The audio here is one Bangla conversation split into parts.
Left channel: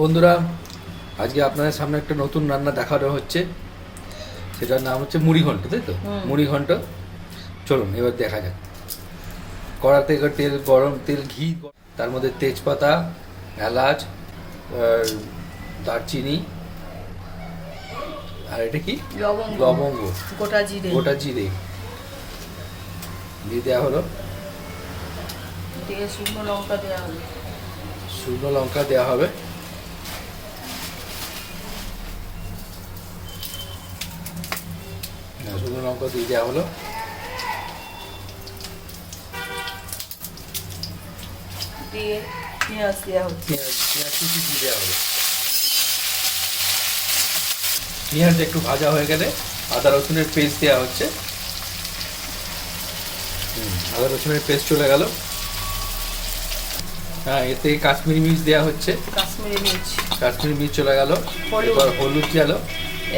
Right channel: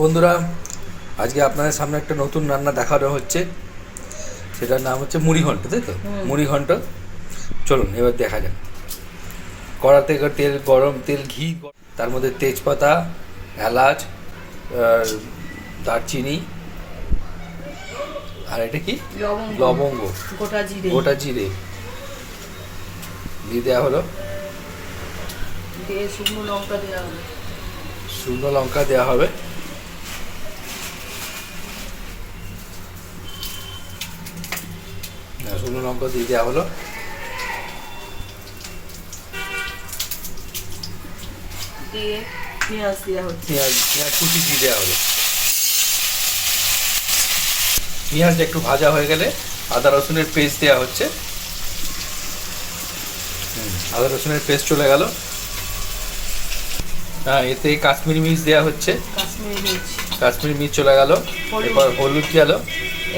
বন্ধুরা, আজকে আপনাদের সামনে একটা নতুন রান্না দেখানো হচ্ছে। সেটার নাম হচ্ছে মুড়ি ঘন্ট, তাই তো? মুড়ি ঘন্ট। চলুন এবার দেখা যাক। কড়াতে তেল গরম, ঘি, তার মধ্যে তেজপাতা, এলাচ, দারচিনি, আর এটা কি লবঙ্গ, গোটা জিরে দিয়ে দেওয়া হলো। শুকনো লঙ্কা দেওয়া হবে। শুকনো লঙ্কা দিয়ে দেওয়া হলো। পেঁয়াজ কুচি দিয়ে দেওয়া হলো। পেঁয়াজ একটু ভাজা হয়ে গেলে আদা রসুনের পেস্ট দেওয়া হচ্ছে। আদা রসুনের পেস্ট চলে গেল। হ্যাঁ, এতে কাশ্মীরি মির্চ দেওয়া হচ্ছে। কাশ্মীরি মির্চ চলে গেল। এবার হলুদ গেল।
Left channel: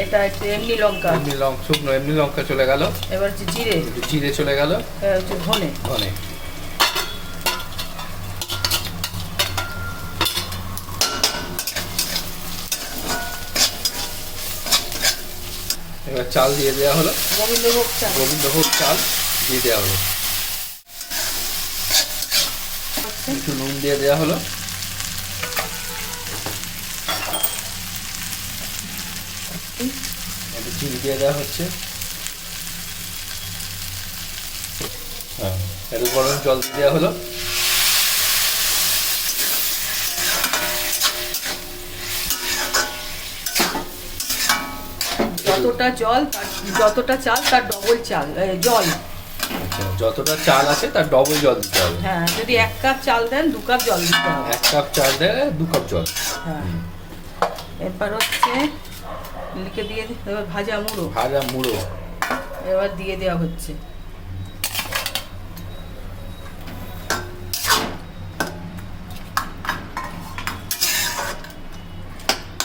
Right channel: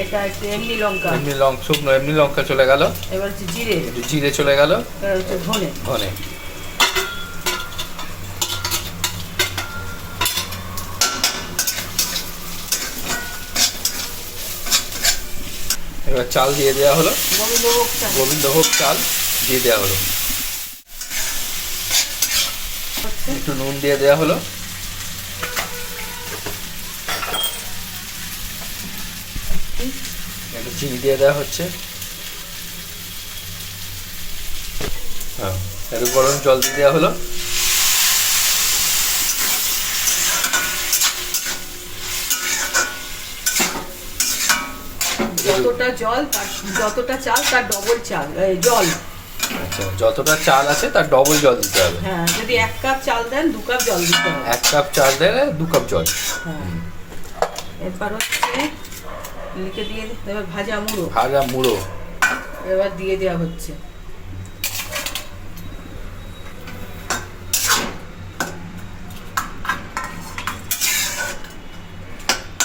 এটা একটু এমনি লঙ্কা চলে গেল। এবার জিরে চলে গেল। ধনে এবার চাল দিয়ে দেওয়া হলো। গোবিন্দভোগ চাল দিয়ে দেওয়া হলো। একটু নুন দিয়ে দেওয়া হলো। একটু চিনি দিয়ে দেওয়া হচ্ছে। হ্যাঁ, একটু গরম জল দিয়ে দেওয়া হলো। যতটা চাল তার ডবল জল। আচ্ছা, যতটা চাল আছে তার ডবল জল দিতে হবে। হ্যাঁ, যদি 1 কাপ চাল দেন 2 কাপ জল দিতে হবে। 1 কাপ চাল দিলে 2 কাপ জল। হ্যাঁ, এবার হচ্ছে লিখে দিয়ে দিতে হবে ভাজা মুড়ো। এবার দিয়ে দেওয়া হচ্ছে।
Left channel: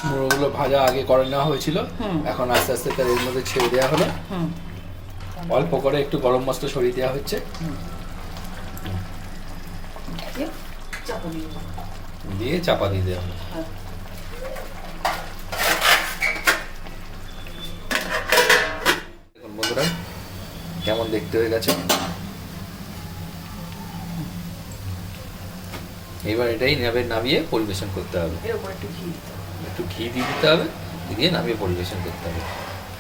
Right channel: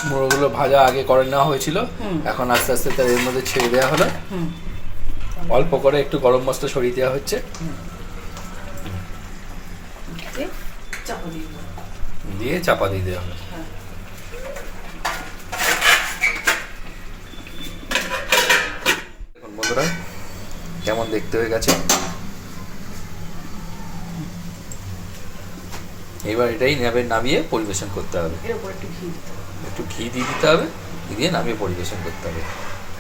মুড়োগুলো ভাজা আগে করে নেওয়া হয়েছিল, এখন আস্তে আস্তে তার এর মধ্যে ছেড়ে দেওয়া হলো। অল্প করে একটু গরম মশলা ছড়িয়ে দেওয়া হচ্ছে। দিয়ে চাপা দিয়ে দেওয়া হবে। দেখুন বন্ধুরা, কেমন দেখতে হয়ে গেছে। এবার এটাই নামিয়ে পরিবেশন করতে হবে। একটু ঘি দিয়ে দিতে হবে, দিয়ে নামিয়ে পরিবেশন করতে হবে।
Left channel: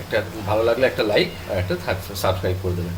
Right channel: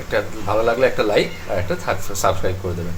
একটা ভালো লাগলে একটা লাইক আর একটা সাবস্ক্রাইব করে দেবেন।